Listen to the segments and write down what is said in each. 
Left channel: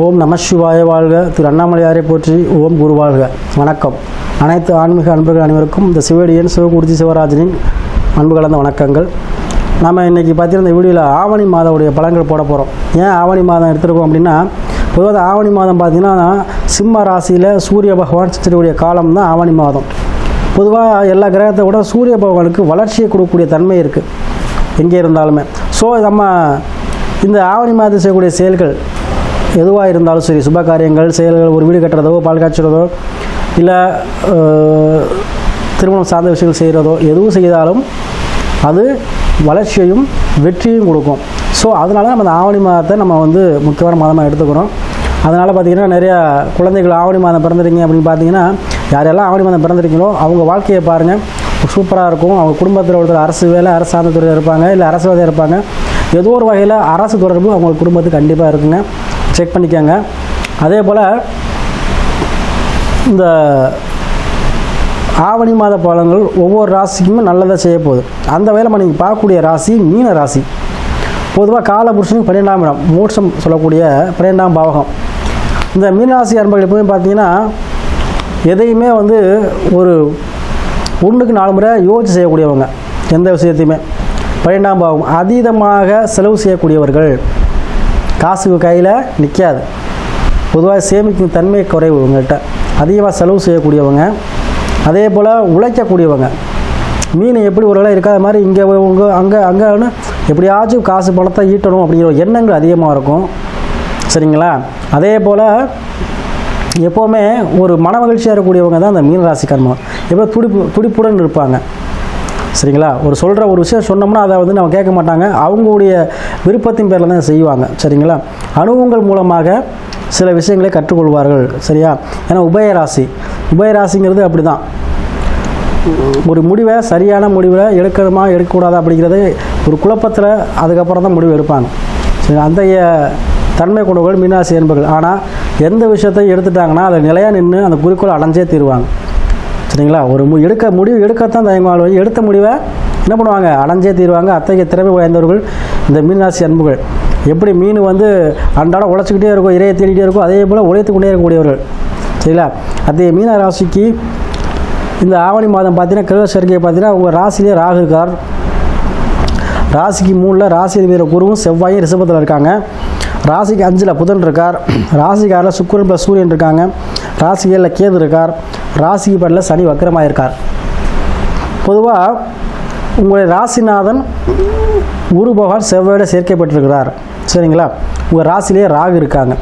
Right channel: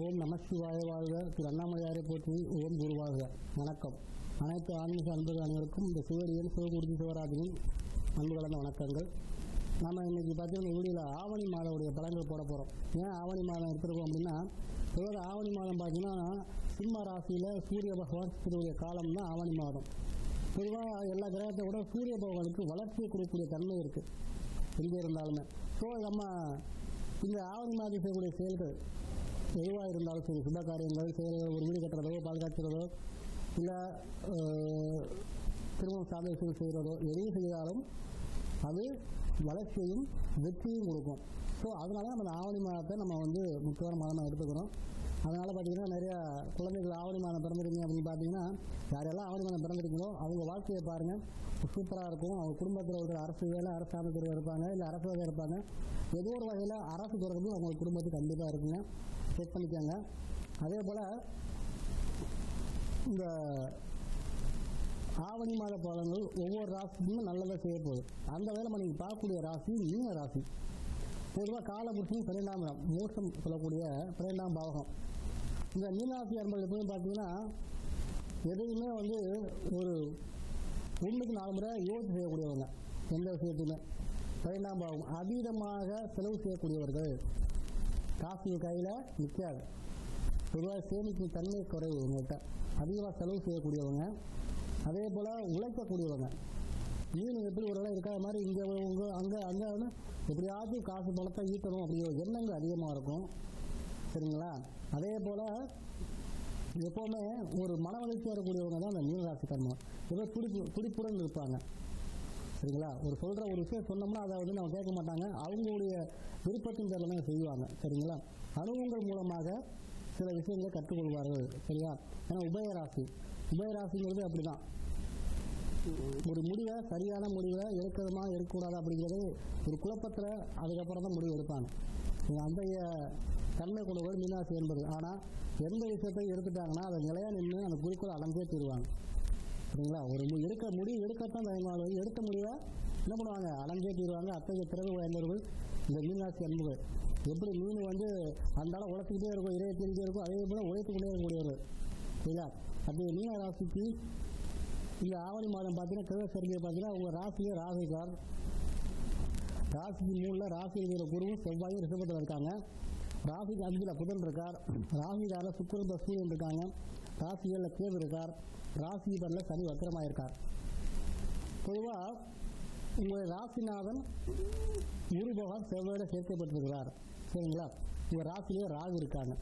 ஓம் நம சிவாய வாழ்க. திரு அண்ணாமலையாரை போற்றி ஓம் குரு வாழ்க. வணக்கம். அனைத்து ஆன்மீக அன்பர்கள் அனைவருக்கும் இந்த சிவடியன் சிவகுருஜி சிவராஜனின் அன்பு கலந்த வணக்கங்கள். நம்ம இன்றைக்கி பார்த்தீங்கன்னா இந்த வீடியோவில் ஆவணி மாதவுடைய பழங்கள் போட போகிறோம் ஏன் ஆவணி மாதம் எடுத்துருக்கோம் அப்படின்னா பொதுவாக ஆவணி மாதம் பார்த்திங்கன்னா சிம்ம ராசியில் சூரிய பகவான் சித்திரக்கூடிய காலம் தான் ஆவணி மாதம். பொதுவாக எல்லா கிரகத்தை விட சூரிய பகவானுக்கு வளர்ச்சியை கொடுக்கக்கூடிய தன்மை இருக்குது எங்கே இருந்தாலுமே. ஸோ நம்ம இந்த ஆவணி மாதம் செய்யக்கூடிய செயல்கள் எதுவாக இருந்தாலும் சரி சுப காரியங்கள் செயல்கள் ஒரு வீடு கட்டுறதோ பால் காய்ச்சுறதோ இல்லை திருமணம் சார்ந்த விஷயங்கள் செய்கிறதோ எதுவும் செய்தாலும் அது வளர்ச்சியையும் வெற்றியும் கொடுக்கும். ஸோ அதனால நம்ம அந்த ஆவணி மாதத்தை நம்ம வந்து முக்கியமான மாதமாக எடுத்துக்கிறோம். அதனால் பார்த்திங்கன்னா நிறையா குழந்தைகள் ஆவணி மாதம் பிறந்திருக்கீங்க அப்படின்னு பார்த்தீங்கன்னா யாரெல்லாம் ஆவணி மாதம் பிறந்திருக்கீங்களோ அவங்க வாழ்க்கையை பாருங்கள் சூப்பராக இருக்கும். அவங்க குடும்பத்தில் ஒருத்தர் அரசு வேலை அரசு சார்ந்த துறையில் இருப்பாங்க இல்லை அரசுவாதியாக இருப்பாங்க. ஏதோ ஒரு வகையில் அரசு தொடர்பு அவங்க குடும்பத்துக்கு கண்டிப்பாக இருக்குங்க. செக் பண்ணிக்கோங்க. அதே போல் இந்த ஆவணி மாத பலன்கள் ஒவ்வொரு ராசிக்குமே நல்லதாக செய்ய போகுது. அந்த வகையில் நம்ம நீங்கள் பார்க்கக்கூடிய ராசி மீன ராசி. பொதுவாக காலபுருஷனுக்கு பன்னிரெண்டாம் இடம் மோட்சம் சொல்லக்கூடிய பன்னிரெண்டாம் பாவகம். இந்த மீனராசி அன்பர்கள் எப்பவுமே பார்த்தீங்கன்னா எதையுமே வந்து ஒரு ஒன்றுக்கு நாலு முறை யோசிச்சு செய்யக்கூடியவங்க. எந்த விஷயத்தையுமே. பன்னிரெண்டாம் பாவம் அதீதமாக செலவு செய்யக்கூடியவர்கள். காசு கையில் நிற்காது பொதுவாக சேமிக்கும் தன்மை குறைவு உங்கள்கிட்ட அதிகமாக செலவு செய்யக்கூடியவங்க. அதே போல் உழைக்கக்கூடியவங்க. மீன் எப்படி ஒரு வேலை இருக்காத மாதிரி இங்கே உங்க அங்கே அங்கேன்னு எப்படியாச்சும் காசு பணத்தை ஈட்டணும் அப்படிங்கிற எண்ணங்கள் அதிகமாக இருக்கும். சரிங்களா? அதே போல் எப்போவுமே ஒரு மன மகிழ்ச்சியாக இருக்கக்கூடியவங்க தான் அந்த மீன் ராசிக்காரமாக எப்போ துடிப்பு துடிப்புடன் இருப்பாங்க. சரிங்களா? ஒரு சொல்கிற ஒரு விஷயம் சொன்னோம்னா அதை வந்து நம்ம கேட்க மாட்டாங்க. அவங்களுடைய விருப்பத்தின் பேரில் தான் செய்வாங்க. சரிங்களா? அனுபவங்கள் மூலமாக சில விஷயங்களை கற்றுக்கொள்வார்கள். சரியா? ஏன்னா உபயராசி. உபயராசிங்கிறது அப்படி தான் ஒரு முடிவை சரியான முடிவை எடுக்கணுமா எடுக்கக்கூடாதா அப்படிங்கிறது ஒரு குழப்பத்தில் அதுக்கப்புறம் தான் முடிவு எடுப்பாங்க. சரி அந்த தன்மை கொண்டவர்கள் மீனாசி என்பர்கள். ஆனால் எந்த விஷயத்தை எடுத்துட்டாங்கன்னா அதை நிலையாக நின்று அந்த குறிக்கோள் அடைஞ்சே தீருவாங்க. சரிங்களா? ஒரு மு எடுக்க முடிவு எடுக்கத்தான் தயங்குவாள் ஒழிய எடுத்த முடிவை என்ன பண்ணுவாங்க? அடைஞ்சே தீர்வாங்க. அத்தகைய திறமை வாய்ந்தவர்கள் இந்த மீனராசி அன்புகள். எப்படி மீன் வந்து அன்றாடம் உழைச்சிக்கிட்டே இருக்கும் இறையை தேடிக்கிட்டே இருக்கும் அதே போல் உழைத்து கொண்டே இருக்கக்கூடியவர்கள். சரிங்களா? அத்தகைய மீன ராசிக்கு இந்த ஆவணி மாதம் பார்த்தீங்கன்னா கிரக சேர்க்கையை பார்த்தீங்கன்னா உங்கள் ராசியிலே ராகு இருக்கார். ராசிக்கு மூணில் ராசி வீர குருவும் செவ்வாயும் ரிஷபத்தில் இருக்காங்க. ராசிக்கு அஞ்சில் புதன் இருக்கார். ராசிக்காரில் சுக்கரன் ப்ளஸ் சூரியன் இருக்காங்க. ராசி ஏழில் கேது இருக்கார். ராசி பட்டில் சனி வக்கரமாக இருக்கார் பொதுவாக உங்களுடைய ராசிநாதன் குரு பகவான் செவ்வாயோட சேர்க்கப்பட்டிருக்கிறார். சரிங்களா? உங்கள் ராசிலேயே ராகு இருக்காங்க.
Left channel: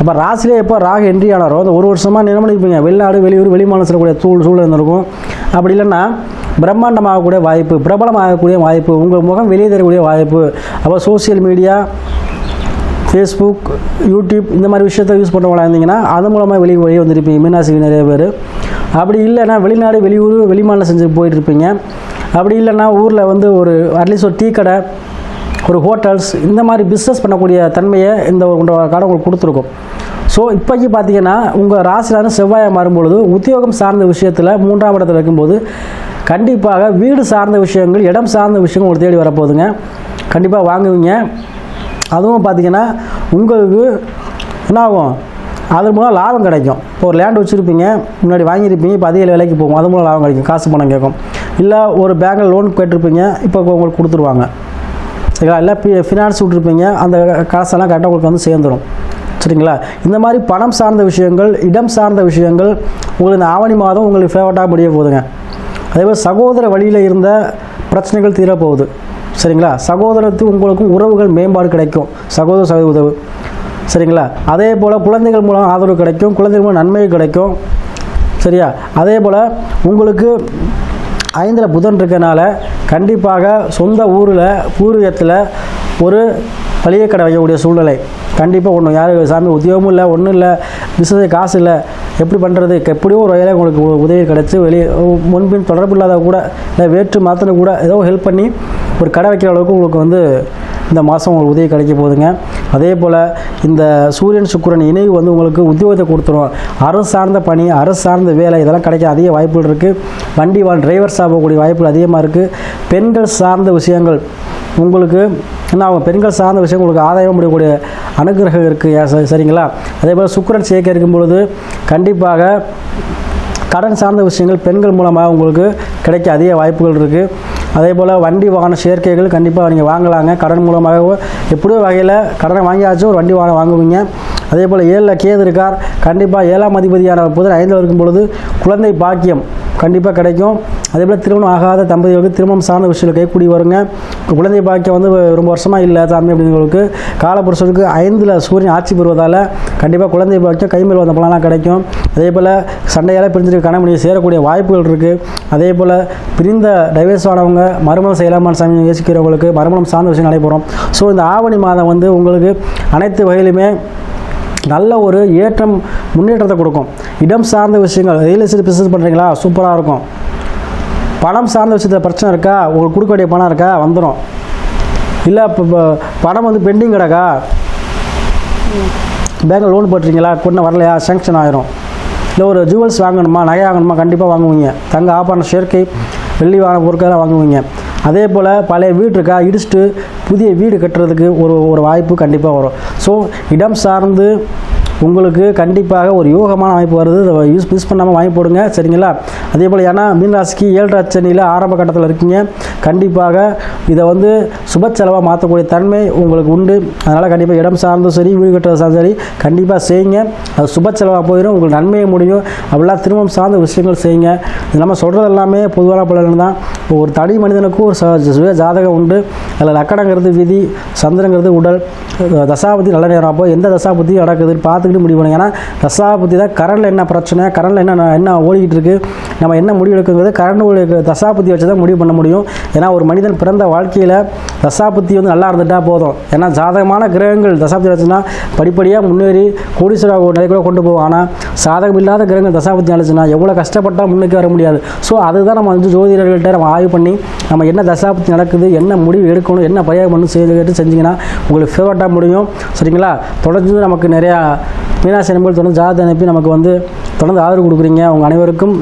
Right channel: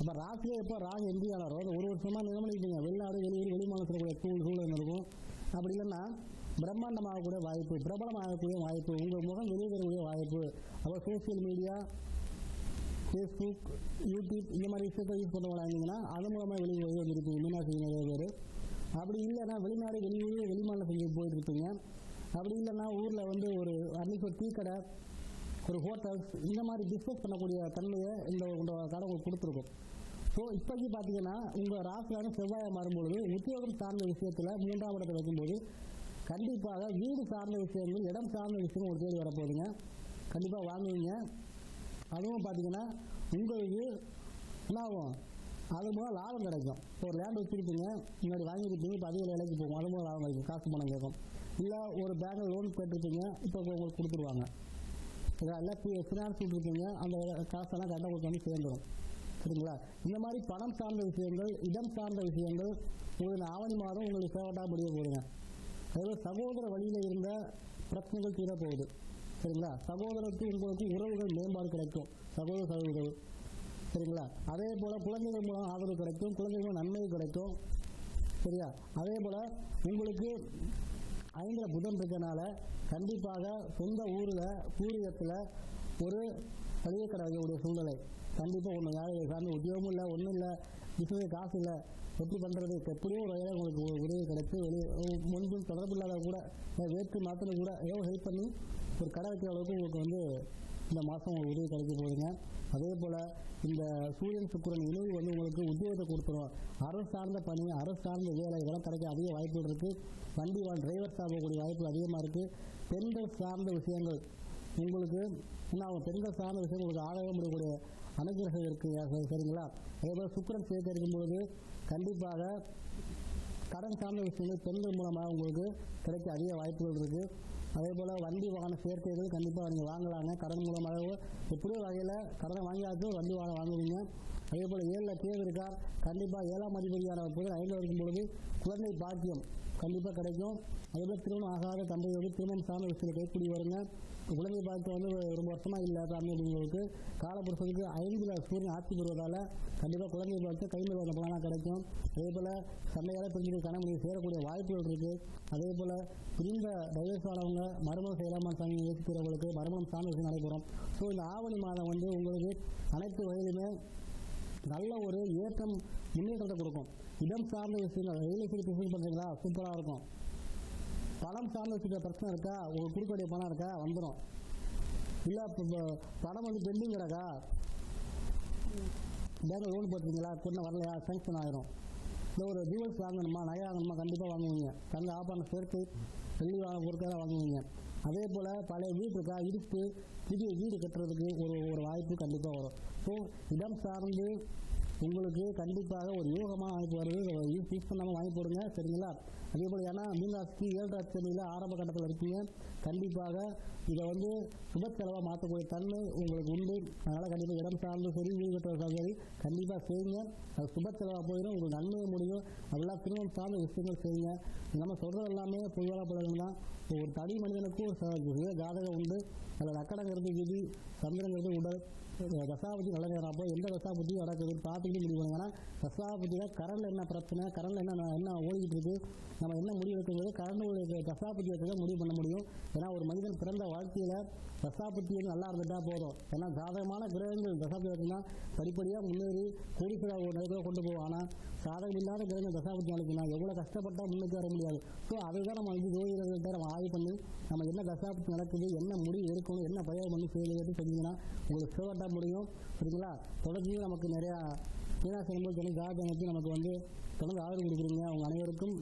அப்போ ராசிலே எப்போ ராகு என்ட்ரி ஆனாரோ அந்த ஒரு வருஷமாக நிலமணிப்பீங்க வெளிநாடு வெளியூர் வெளிமாநிலம் செல்லக்கூடிய தூள் சூழல் இருந்திருக்கும். அப்படி இல்லைன்னா பிரம்மாண்டமாகக்கூடிய வாய்ப்பு பிரபலமாகக்கூடிய வாய்ப்பு உங்கள் முகம் வெளியே தரக்கூடிய வாய்ப்பு. அப்போ சோஷியல் மீடியா ஃபேஸ்புக் யூடியூப் இந்த மாதிரி விஷயத்தை யூஸ் பண்ணுறவங்களா இருந்தீங்கன்னா அது மூலமாக வெளியே வெளியே வந்திருப்பீங்க. மீனாசிக்கு நிறைய பேர். அப்படி இல்லைன்னா வெளிநாடு வெளியூர் வெளிமாநிலம் செஞ்சு போயிட்டுருப்பீங்க. அப்படி இல்லைன்னா ஊரில் வந்து ஒரு அட்லீஸ்ட் ஒரு டீ கடை ஒரு ஹோட்டல்ஸ் இந்த மாதிரி பிஸ்னஸ் பண்ணக்கூடிய தன்மையை இந்த ஒரு கடை உங்களுக்கு கொடுத்துருக்கும். ஸோ இப்போக்கி பார்த்தீங்கன்னா உங்கள் ராசிலான செவ்வாயை மாறும்பொழுது உத்தியோகம் சார்ந்த விஷயத்தில் மூன்றாம் இடத்துல இருக்கும்போது கண்டிப்பாக வீடு சார்ந்த விஷயங்கள் இடம் சார்ந்த விஷயங்கள் உங்களுக்கு தேடி வரப்போகுதுங்க. கண்டிப்பாக வாங்குவீங்க. அதுவும் பார்த்தீங்கன்னா உங்களுக்கு என்ன ஆகும்? அது மூலம் லாபம் கிடைக்கும். இப்போ ஒரு லேண்ட் வச்சுருப்பீங்க முன்னாடி வாங்கியிருப்பீங்க இப்போ அதிக விலைக்கு போகும். அது மூலம் லாபம் கிடைக்கும். காசு பணம் கேட்கும். இல்லை ஒரு பேங்கில் லோன் கேட்டிருப்பீங்க இப்போ உங்களுக்கு கொடுத்துருவாங்க. சரிங்களா? இல்லை ஃபினான்ஸ் விட்ருப்பீங்க அந்த காசெல்லாம் கரெக்டாக உங்களுக்கு வந்து சேர்ந்துடும் சரிங்களா? இந்த மாதிரி பணம் சார்ந்த விஷயங்கள் இடம் சார்ந்த விஷயங்கள் உங்களுக்கு இந்த ஆவணி மாதம் உங்களுக்கு ஃபேவரட்டாக முடிய போகுதுங்க. அதேபோல் சகோதர வழியில் இருந்த பிரச்சனைகள் தீரப்போகுது. சரிங்களா? சகோதரத்து உங்களுக்கும் உறவுகள் மேம்பாடு கிடைக்கும். சகோதர சகோதர உதவு. சரிங்களா? அதே போல் குழந்தைகள் மூலம் ஆதரவு கிடைக்கும். குழந்தைகள் மூலம் நன்மை கிடைக்கும். சரியா? அதே போல் உங்களுக்கு ஐந்தில் புதன் இருக்கனால கண்டிப்பாக சொந்த ஊரில் பூர்வீகத்தில் ஒரு பழைய கடை வைக்கக்கூடிய சூழ்நிலை. கண்டிப்பாக ஒன்றும் யார் சாமி உத்தியோகமும் இல்லை ஒன்றும் இல்லை பிஸ்னஸ் காசு இல்லை. எப்படி பண்ணுறது எப்படியோ ஒரு வகையில் உங்களுக்கு உ- உதவி கிடச்சி வெளியே முன்பின் தொடர்பு இல்லாத கூட இல்லை வேற்று மாத்திரம் கூட ஏதோ ஹெல்ப் பண்ணி ஒரு கடை வைக்கிற அளவுக்கு உங்களுக்கு வந்து இந்த மாதம் உங்களுக்கு உதவி கிடைக்க போகுதுங்க. அதே போல் இந்த சூரியன் சுக்கிரன் இணைவு வந்து உங்களுக்கு உத்தியோகத்தை கொடுத்துரும். அரசு சார்ந்த பணி அரசு சார்ந்த வேலை இதெல்லாம் கிடைக்க அதிக வாய்ப்புகள் இருக்குது வண்டி வாழ் டிரைவர்ஸாக போகக்கூடிய வாய்ப்புகள் அதிகமாக இருக்குது பெண்கள் சார்ந்த விஷயங்கள் உங்களுக்கு என்ன அவங்க பெண்கள் சார்ந்த விஷயம் உங்களுக்கு ஆதாயம் முடியக்கூடிய அனுகிரகம் இருக்குது சரிங்களா? அதே போல் சுக்கரன் சேர்க்க இருக்கும் பொழுது கண்டிப்பாக கடன் சார்ந்த விஷயங்கள் பெண்கள் மூலமாக உங்களுக்கு கிடைக்க அதிக வாய்ப்புகள் இருக்குது அதே போல் வண்டி வாகன சேர்க்கைகள் கண்டிப்பாக நீங்கள் வாங்கலாங்க. கடன் மூலமாக எப்படியோ வகையில் கடனை வாங்கியாச்சும் ஒரு வண்டி வாகனம் வாங்குவீங்க. அதே போல் ஏழில் கேது இருக்கார். கண்டிப்பாக ஏழாம் அதிபதியான புதன் ஐந்தில் இருக்கும் பொழுது குழந்தை பாக்கியம் கண்டிப்பாக கிடைக்கும். அதே போல் திருமணம் ஆகாத தம்பதிகளுக்கு திருமணம் சார்ந்த விஷயங்கள் கைக்கூடி வருங்க. குழந்தை பாக்கியம் வந்து ரொம்ப வருஷமாக இல்லை சாமி அப்படிங்கிறவங்களுக்கு. காலப்புருஷனுக்கு ஐந்தில் சூரியன் ஆட்சி பெறுவதால் கண்டிப்பாக குழந்தை பாக்கியம் கைமேல் வந்த பலனாக கிடைக்கும். அதே போல் சண்டையால் பிரிஞ்சிருக்க கணவனியை சேரக்கூடிய வாய்ப்புகள் இருக்குது அதே போல் பிரிந்த டைவர்ஸ் ஆனவங்க மறுமணம் செய்யலாமான் சாமி யோசிக்கிறவங்களுக்கு மறுமணம் சார்ந்த விஷயம் நடைபெறும். ஸோ இந்த ஆவணி மாதம் வந்து உங்களுக்கு அனைத்து வகையிலுமே நல்ல ஒரு ஏற்றம் முன்னேற்றத்தை கொடுக்கும். இடம் சார்ந்த விஷயங்கள் ரியல் எஸ்டேட் பிஸ்னஸ் பண்ணுறீங்களா சூப்பராக இருக்கும். பணம் சார்ந்த விஷயத்தில் பிரச்சனை இருக்கா? உங்களுக்கு கொடுக்க வேண்டிய பணம் இருக்கா? வந்துடும் இல்லை இப்போ பணம் வந்து பெண்டிங் கிடக்கா? பேங்கில் லோன் போட்டுறீங்களா கொண்டு வரலையா? சேங்ஷன் ஆயிரும். இல்லை ஒரு ஜுவல்ஸ் வாங்கணுமா? நகை வாங்கணுமா? கண்டிப்பாக வாங்குவீங்க. தங்க ஆபரண சேர்க்கை வெள்ளி வாங்க பொருட்கள்லாம் வாங்குவீங்க. அதே போல் பழைய வீடு இருக்கா இடிச்சிட்டு புதிய வீடு கட்டுறதுக்கு ஒரு ஒரு வாய்ப்பு கண்டிப்பாக வரும். ஸோ இடம் சார்ந்து உங்களுக்கு கண்டிப்பாக ஒரு யோகமான அமைப்பு வருது. இதை யூஸ் மிஸ் பண்ணாமல் வாங்கி போடுங்க. சரிங்களா? அதே போல் ஏன்னா மீனராசிக்கு ஏழரை சனியில் ஆரம்ப கட்டத்தில் இருக்கீங்க. கண்டிப்பாக இதை வந்து சுப செலவாக மாற்றக்கூடிய தன்மை உங்களுக்கு உண்டு. அதனால் கண்டிப்பாக இடம் சார்ந்தும் சரி வீடு கட்டுறது சார்ந்தும் சரி கண்டிப்பாக செய்யுங்க. அது சுப செலவாக போயிடும் உங்களுக்கு நன்மையை முடியும். அப்படிலாம் திரும்பம் சார்ந்த விஷயங்கள் செய்யுங்க. இது நம்ம சொல்கிறது எல்லாமே பொதுவான பலன் தான். இப்போ ஒரு தனி மனிதனுக்கும் ஒரு ச- சுய ஜாதகம் உண்டு. அதில் லக்கணங்கிறது விதி சந்திரங்கிறது உடல். தசாபதி நல்ல நேரம். அப்போ எந்த தசாபதியும் நடக்குதுன்னு பார்த்து பார்த்துக்கிட்டு முடிவு பண்ணுங்க. ஏன்னா தசாபதி தான் கரண்டில் என்ன பிரச்சனை கரண்டில் என்ன என்ன ஓடிக்கிட்டு இருக்குது நம்ம என்ன முடிவு எடுக்குங்கிறது கரண்ட் தசாபதி வச்சு தான் முடிவு பண்ண முடியும். ஏன்னா ஒரு மனிதன் பிறந்த வாழ்க்கையில் தசாபதி வந்து நல்லா இருந்துட்டால் போதும். ஏன்னா ஜாதகமான கிரகங்கள் தசாபுத்தி வச்சுன்னா படிப்படியாக முன்னேறி கோடீஸ்வர நிலை கூட கொண்டு போகும். ஆனால் சாதகம் இல்லாத கிரகங்கள் தசாபுத்தி நினைச்சுன்னா எவ்வளோ கஷ்டப்பட்டால் முன்னுக்கு வர முடியாது. ஸோ அதுதான் நம்ம வந்து ஜோதிடர்கள்ட்ட நம்ம ஆய்வு பண்ணி நம்ம என்ன தசாபுத்தி நடக்குது என்ன முடிவு எடுக்கணும் என்ன பரிகாரம் பண்ணணும் செய்து கேட்டு செஞ்சிங்கன்னா உங்களுக்கு ஃபேவரட்டாக முடியும். சரிங்களா? தொடர்ந்து நமக்கு நிறையா மீனாட்சி அனுப்பல் தொடர்ந்து ஜாதகம் அனுப்பி நமக்கு வந்து தொடர்ந்து ஆதரவு கொடுக்குறீங்க. உங்கள் அனைவருக்கும்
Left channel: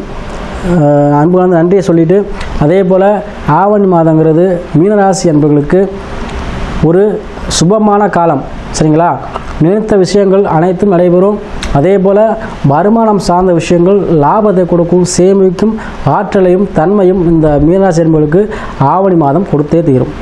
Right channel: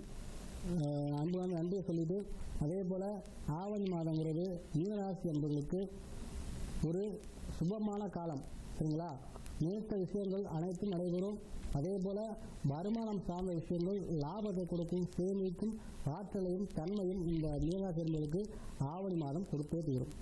அன்பு வந்து நன்றியை சொல்லிவிட்டு அதே போல் ஆவணி மாதங்கிறது மீனராசி அன்பர்களுக்கு ஒரு சுபமான காலம். சரிங்களா? நினைத்த விஷயங்கள் அனைத்தும் நடைபெறும். அதே போல் வருமானம் சார்ந்த விஷயங்கள் லாபத்தை கொடுக்கும் சேமிக்கும் ஆற்றலையும் தன்மையும் இந்த மீனராசி அன்பர்களுக்கு ஆவணி மாதம் கொடுத்தே தீரும்.